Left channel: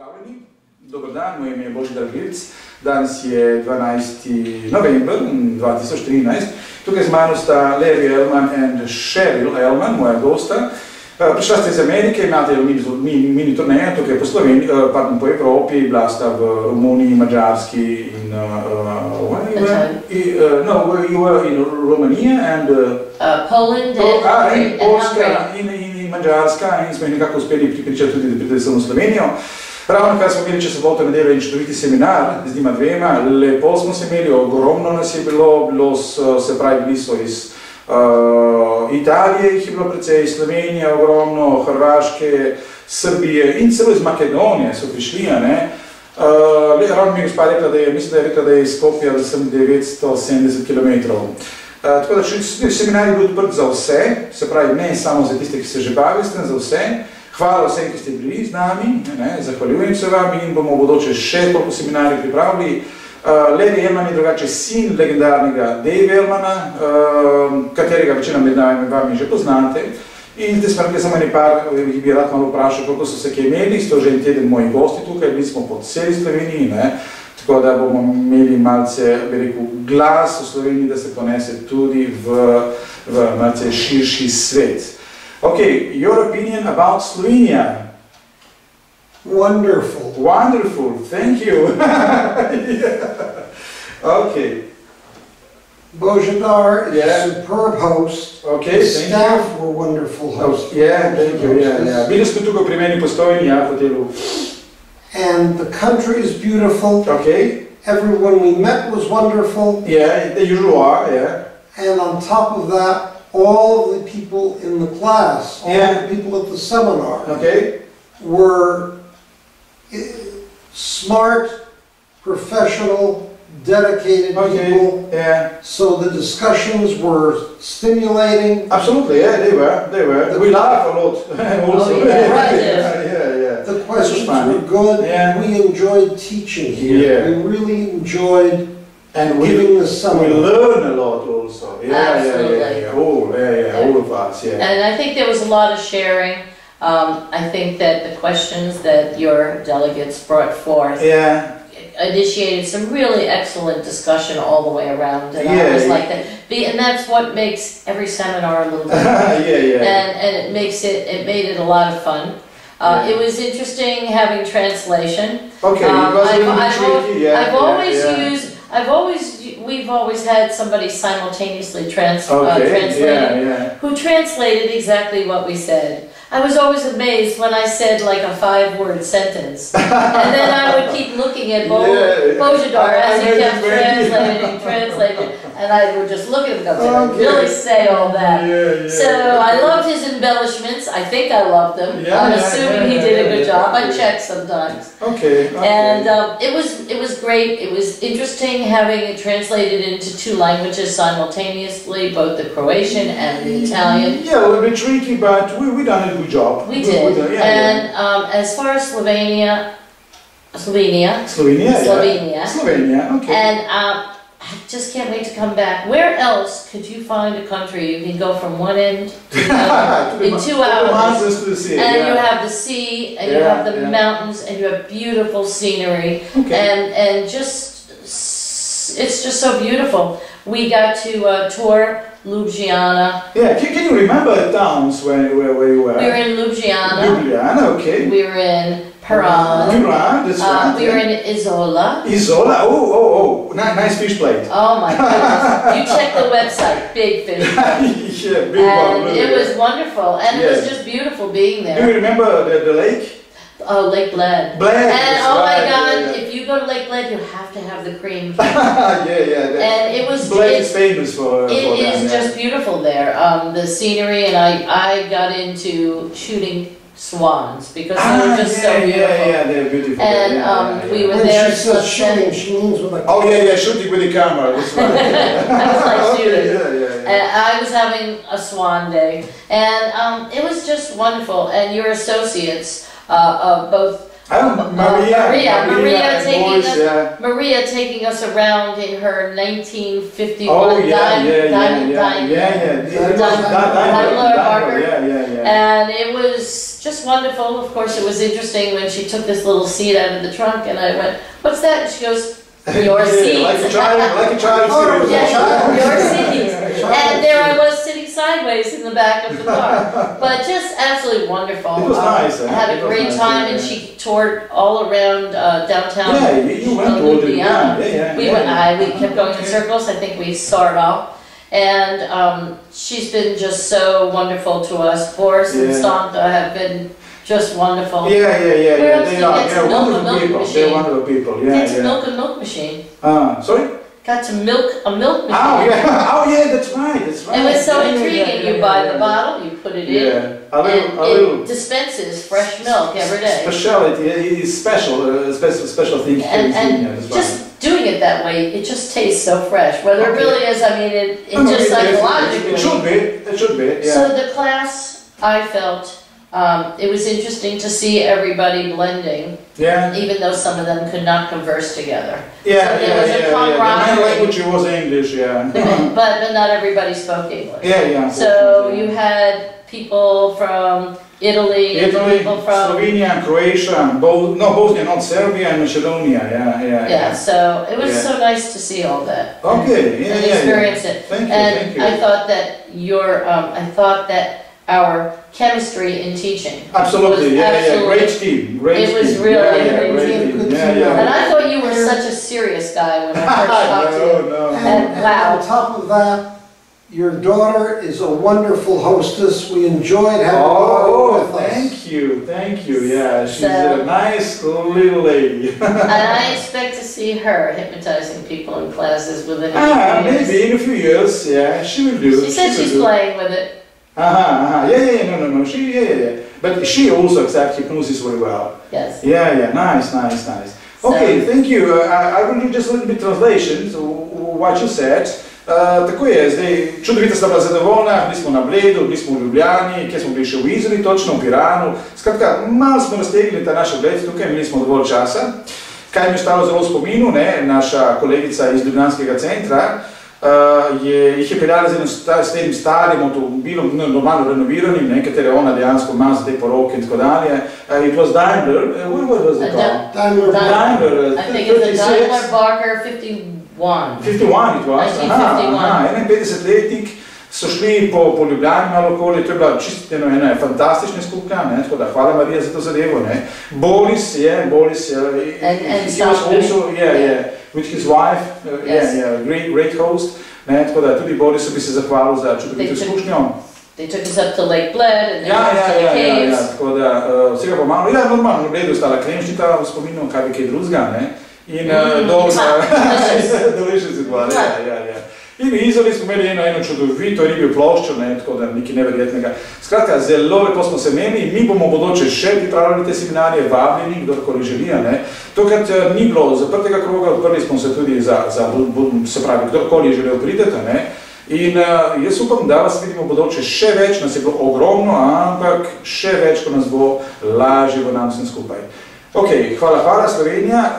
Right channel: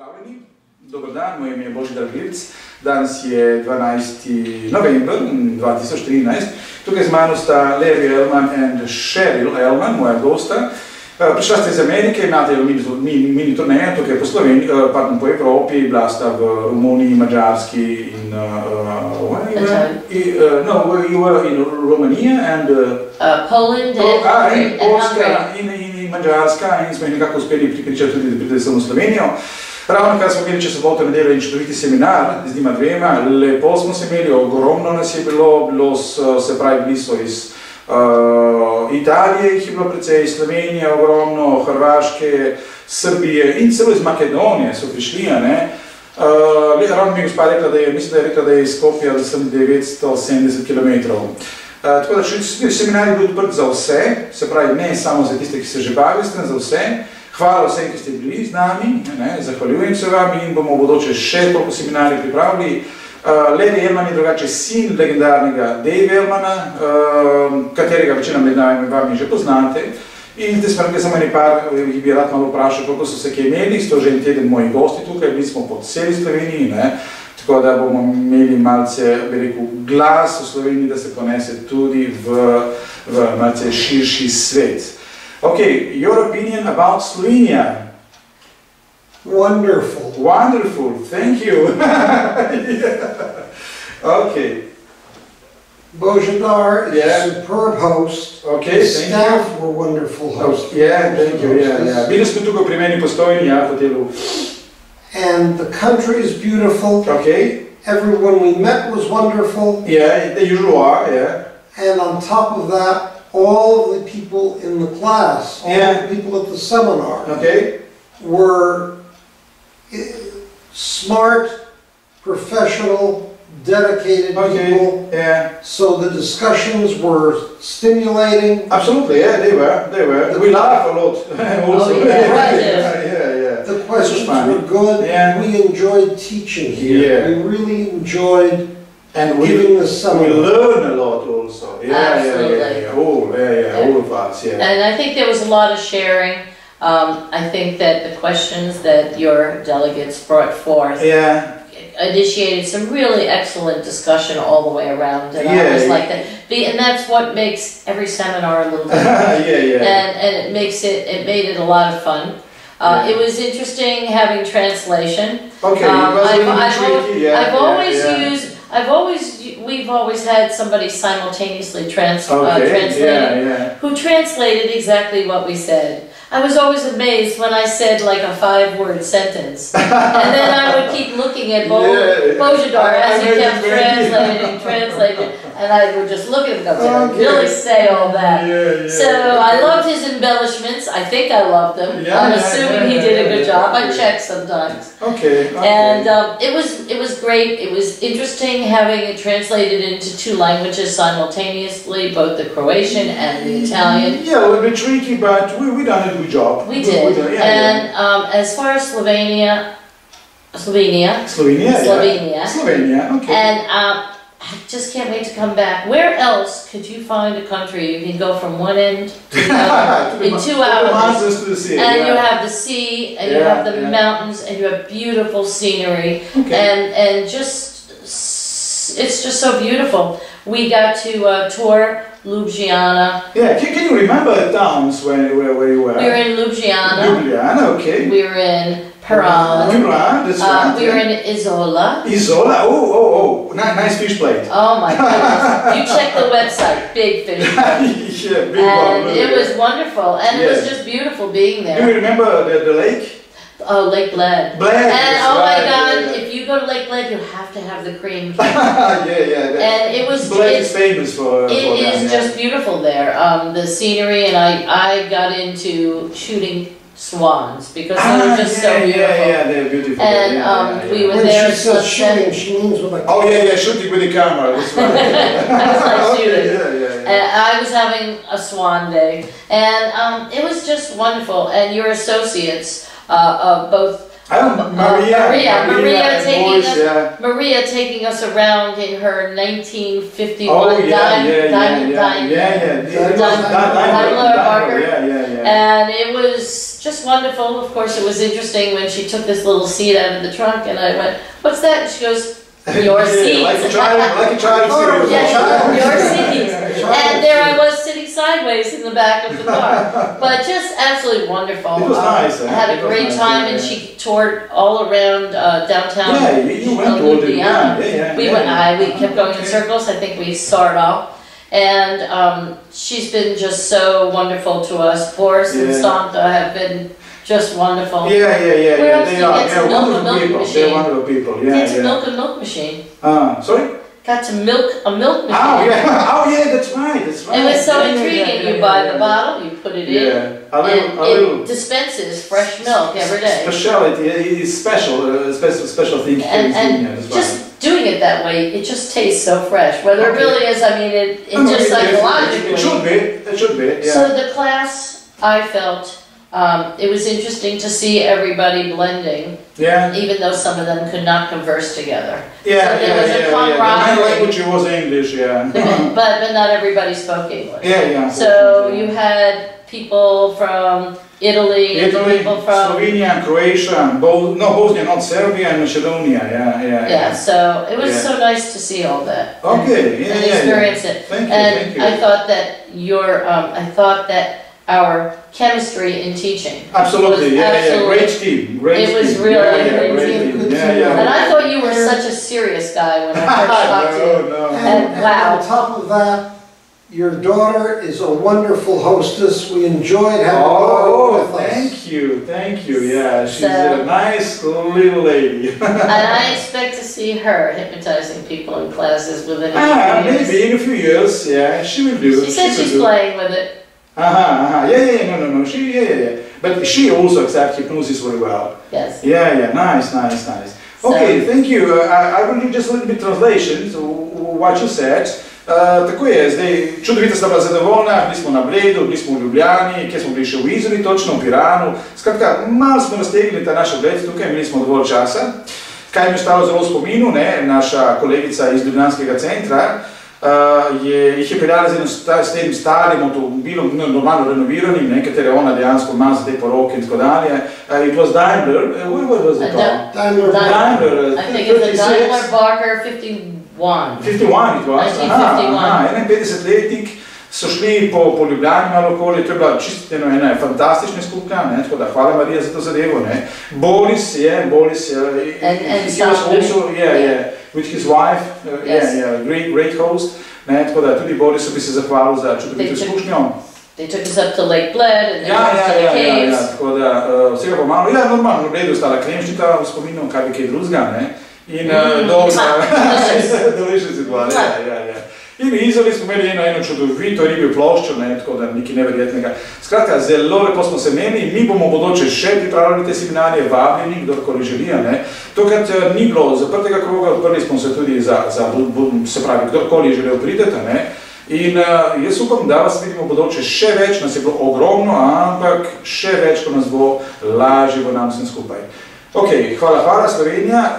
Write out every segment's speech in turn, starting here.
Pozdravljeni, dober dan, moje ime je Božidar Virc, danes je 12. november 2013, tukaj z mano sta Larry Ellman in Cheryl Ellman, moja gosta. Prišla ste iz Amerike, imate mini turnejo tukaj po Sloveniji, po Evropi, bila sta v Romuniji, Mađarski in you were in Romania and Poland and Polska in Mađarska in smo jih nekako uspeli pripričati tudi, da pride sem v Slovenijo. Ravno kar smo imeli čez soboto nedeljo in čudoviti seminar z njima dvema, lepo smo se imeli, ogromno nas je bilo, se pravi, bili so iz Italije, jih je bilo precej, Slovenije ogromno, Hrvaške, Srbije in celo iz Makedonije so prišli, ravno mi je gospa rekla, mislim, da je rekla, da je iz Skopja, da sem 970 km. Tako da seminar je bil odprt za vse, se pravi, ne samo za tiste, ki se že bavijo s tem, za vse. Hvala vsem, ki ste bili z nami, zahvaljujem se vam in bomo v bodoče še toliko seminarjev pripravili. Larry Ellman je drugače sin legendarnega Dave Ellmana, katerega večina med vami že poznate. In zdaj smo rekli samo eni par, jih bi rad malo vprašal, koliko so se kaj imeli, sto že en teden moji gosti tukaj, bili smo po celi Sloveniji, tako da bomo imeli malce, bi rekel, glas v Sloveniji, da se ponese tudi v malce širši svet. Okay, your opinion about Slovenia? Wonderful. Wonderful, thank you. Okay. Božidar is a superb host. Okay, His staff were wonderful hosts. Yeah, thank you. Yeah. Bili smo tukaj pri meni postojni, hotelu. And the country is beautiful. Okay. Everyone we met was wonderful. Yeah, the usual, yeah. And on top of that, all of the people in the class, all of the people at the seminar, were smart, professional, dedicated people. Yeah. So the discussions were stimulating. Absolutely, yeah, they were. We laugh a lot. Also. Yeah. The questions were good. Yeah. We enjoyed teaching here. Yeah. We really enjoyed and giving the seminar. We learn a lot also. Absolutely. All of us, yeah. And I think there was a lot of sharing. I think that the questions that your delegates brought forth initiated some really excellent discussion all the way around, and I always like that. And that's what makes every seminar a little bit different. And it made it a lot of fun. It was interesting having translation. We've always had somebody simultaneously translating, who translated exactly what we said. I was always amazed when I said like a 5-word sentence, and then I would keep looking at Božidar as he kept translating, and I would just look at him and go, did I really say all that? So I loved his embellishments. I think I loved them. I'm assuming he did a good job. I check sometimes. And it was great. It was interesting having it translated into 2 languages simultaneously, both the Croatian and the Italian. Yeah, a little bit tricky, but we done a good job. We did. And as far as Slovenia, okay. And I just can't wait to come back. Where else could you find a country you can go from one end to the other in 2 hours? And you have the sea, and you have the mountains, and you have beautiful scenery, and just it's just so beautiful. We got to tour Ljubljana. Yeah, can you remember the towns where you were? We were in Ljubljana. Ljubljana, okay. We were in Piran. Piran, that's right. We were in Isola. Isola, oh, nice fish plate. Oh my goodness. You check the website, big fish plate. And it was wonderful, and it was just beautiful being there. Do you remember the lake? Oh, Lake Bled. And oh my God, if you go to Lake Bled, you have to have the cream. And it was. Bled is famous for that. It is just beautiful there. The scenery, and I got into shooting swans because they were just so beautiful. Yeah, they're beautiful. And we were there. When she says shooting, she means with a shooting with the camera. That's right. I was like shooting. And I was having a swan day, and it was just wonderful. And your associates. Both Maria taking us around in her 1951 Daimler Barker, and it was just wonderful. Of course, it was interesting when she took this little seat out of the trunk, and I went, "What's that?" And she goes, "Your seat." Like a child. Yeah, your seat. And there I was sitting sideways in the back of the car. But just absolutely wonderful. It was nice. I had a great time, and she toured all around downtown. Yeah, you went to Ljubljana. We kept going in circles. I think we saw it all. And she's been just so wonderful to us. Boris and Stanka have been just wonderful. Yeah. Where else They are wonderful people. They're wonderful people. Get to milk a milk machine. Sorry? Got to milk a milk machine. Oh yeah, that's right. It was so intriguing. You buy the bottle, you put it in, and it dispenses fresh milk every day. Speciality is special thing. And just doing it that way, it just tastes so fresh. Whether it really is, I mean, it just psychologically. It should be. Yeah. So the class, I felt. It was interesting to see everybody blending, even though some of them could not converse together. So there was a camaraderie. My language was English, but not everybody spoke English. So you had people from Italy people from Slovenia, Croatia, Bosnia, not Serbia, and Macedonia. Yeah. So it was so nice to see all that. Okay. And experience it. Thank you. I thought that our chemistry in teaching. Absolutely, great team. It was really great team. And I thought you were such a serious guy when I first talked to you. No. And on top of that, your daughter is a wonderful hostess. We enjoyed having her with us. Thank you. Yeah, she's a nice little lady. And I expect to see her hypnotizing people in classes within a few years. Maybe in a few years. Yeah, she will do. She said she's playing with it. No. But she also accepts hypnosis very well. Yes. Yeah. Nice. Okay, thank you. I will do just a little bit translation to what you said. Tako je, zdaj, čudovito sta bila zadovoljna, bili smo na Bledu, bili smo v Ljubljani, kjer smo bili še v Izoli, točno v Piranu. Skratka, malo smo raztegli ta naš ogled tukaj, imeli smo dovolj časa. Kaj mi je ostalo zelo v spominu, naša kolegica iz Ljubljanskega centra, jih je peljala s tem starim avtomobilom, normalno renoviranim, katere ona dejansko ima za te poroke in tako dalje. It was Daimler, what was it called? Daimler. I think it's a Daimler Barker 51. 51 it was, 51-letnik, so šli po Ljubljani malo okoli, to je bila čisto ena fantastična izkušnja, tako da hvala Marija za to zadevo. Boris, he was also, with his wife, great host, tako da tudi Borisu bi se zahvalil za čudovito izkušnjo. They took us up to Lake Bled and they took us to the caves. Tako da vsega pa malo, normalno, na Bledu je ostala kremšnita v spominu, kaj bi kaj drugega, in delicious it was, In v Izoli smo imeli eno čudovito ribljo ploščo, tako da nekaj neverjetnega. Skratka, zelo lepo smo se imeli, mi bomo bodoče še pripravljali te seminarje, vabljeni, kdorkoli želi. Tokrat ni bilo zaprtega kroga, odprli smo se tudi se pravi, kdorkoli je želel prideti. In jaz upam, da vas vidimo bodoče še več, nas je bilo ogromno, ampak še več, ko nas bo lažje v nam vsem skupaj. Ok, hvala Slovenija,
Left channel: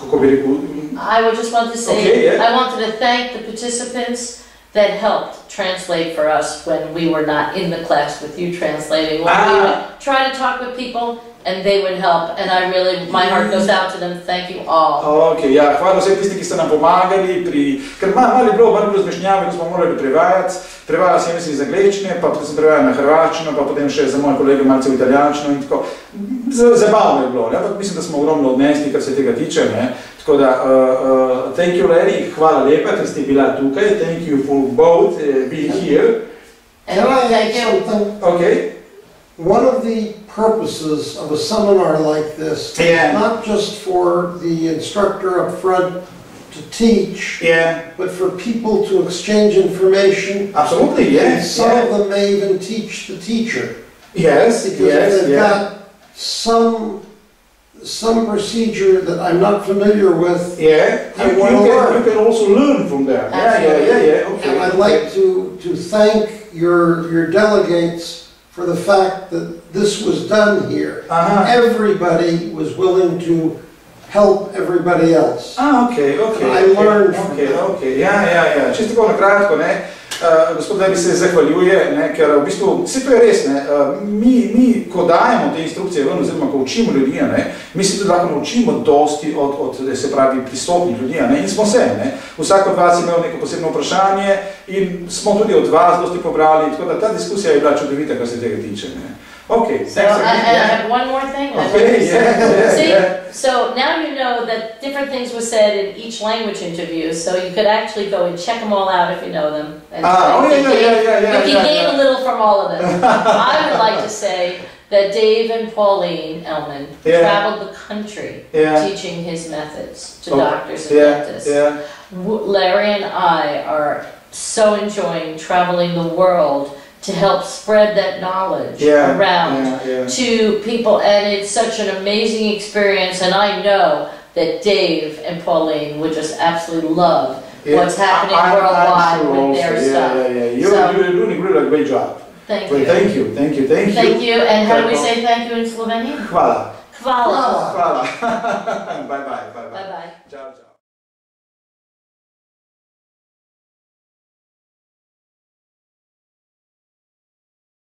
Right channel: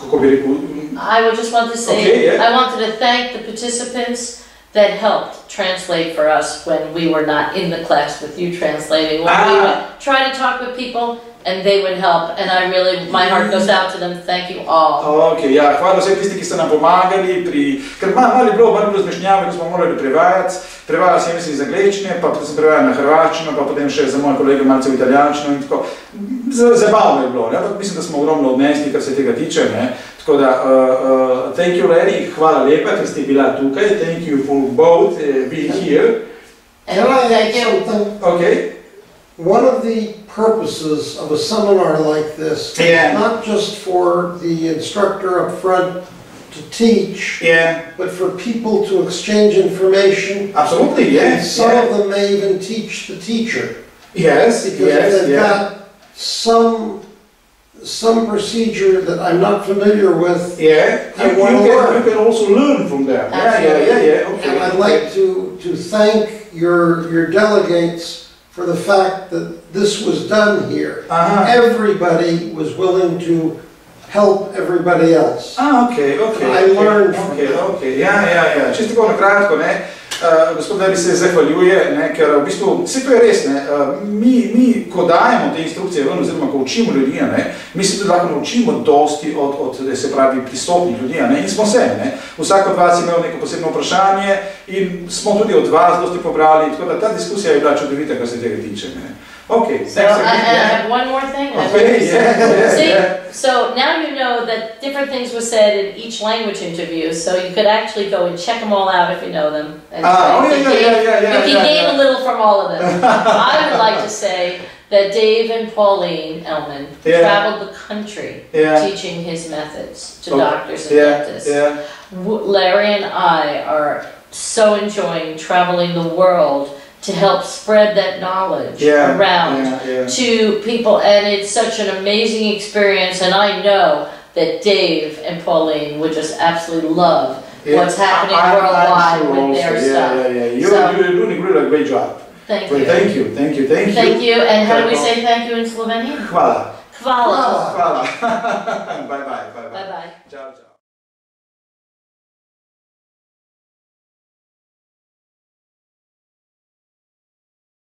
kako bi rekel? I would just want to say, I wanted to thank the participants that helped translate for us when we were not in the class with you translating. When we would try to talk with people and they would help, and I really, my heart goes out to them. Thank you all. Ok, hvala vsem tisti, ki ste nam pomagali ker malo je bilo zmešnjave, ko smo morali prevajati. Prevajal sem iz angleščine, pa potem sem prevajal na hrvaščino, pa potem še za moje kolege malce v italijančino in tako. Zabavno je bilo, ampak mislim, da smo ogromno odnesli, kar se tega tiče. Tako da, thank you Larry, hvala lepa, ker ste bila tukaj. Thank you for both being here. Can I add something? Okay. One of the purposes of a seminar like this is not just for the instructor up front to teach, but for people to exchange information. Absolutely, and some of them may even teach the teacher. Yes, because if they've got some procedure that I'm not familiar with, you can also learn from them. Okay. And I'd like to thank your delegates for the fact that this was done here. Everybody was willing to help everybody else. Okay. I learned from that. Čisto tako na kratko, gospod Levi se zahvaljuje, ne, ker v bistvu, vse to je res, ne, mi, ko dajemo te instrukcije ven, oziroma ko učimo ljudi, ne, mi se tudi lahko naučimo dosti od se pravi, pristopnih ljudi, ne, in smo se, ne. Vsak od vas je imel neko posebno vprašanje in smo tudi od vas dosti pobrali, tako da ta diskusija je bila čudovita, kar se tega tiče, ne. Okay, so I have one more thing. Okay, so now you know that different things were said in each language interview, so you could actually go and check them all out if you know them. And you can gain a little from all of them. I would like to say that Dave and Pauline Ellman traveled the country teaching his methods to doctors and dentists. Larry and I are so enjoying traveling the world to help spread that knowledge around to people, and it's such an amazing experience, and I know that Dave and Pauline would just absolutely love what's happening worldwide with their stuff. You're doing a great job. Thank you. Thank you. Thank you. And how do we say thank you in Slovenian? Hvala. Hvala. Hvala.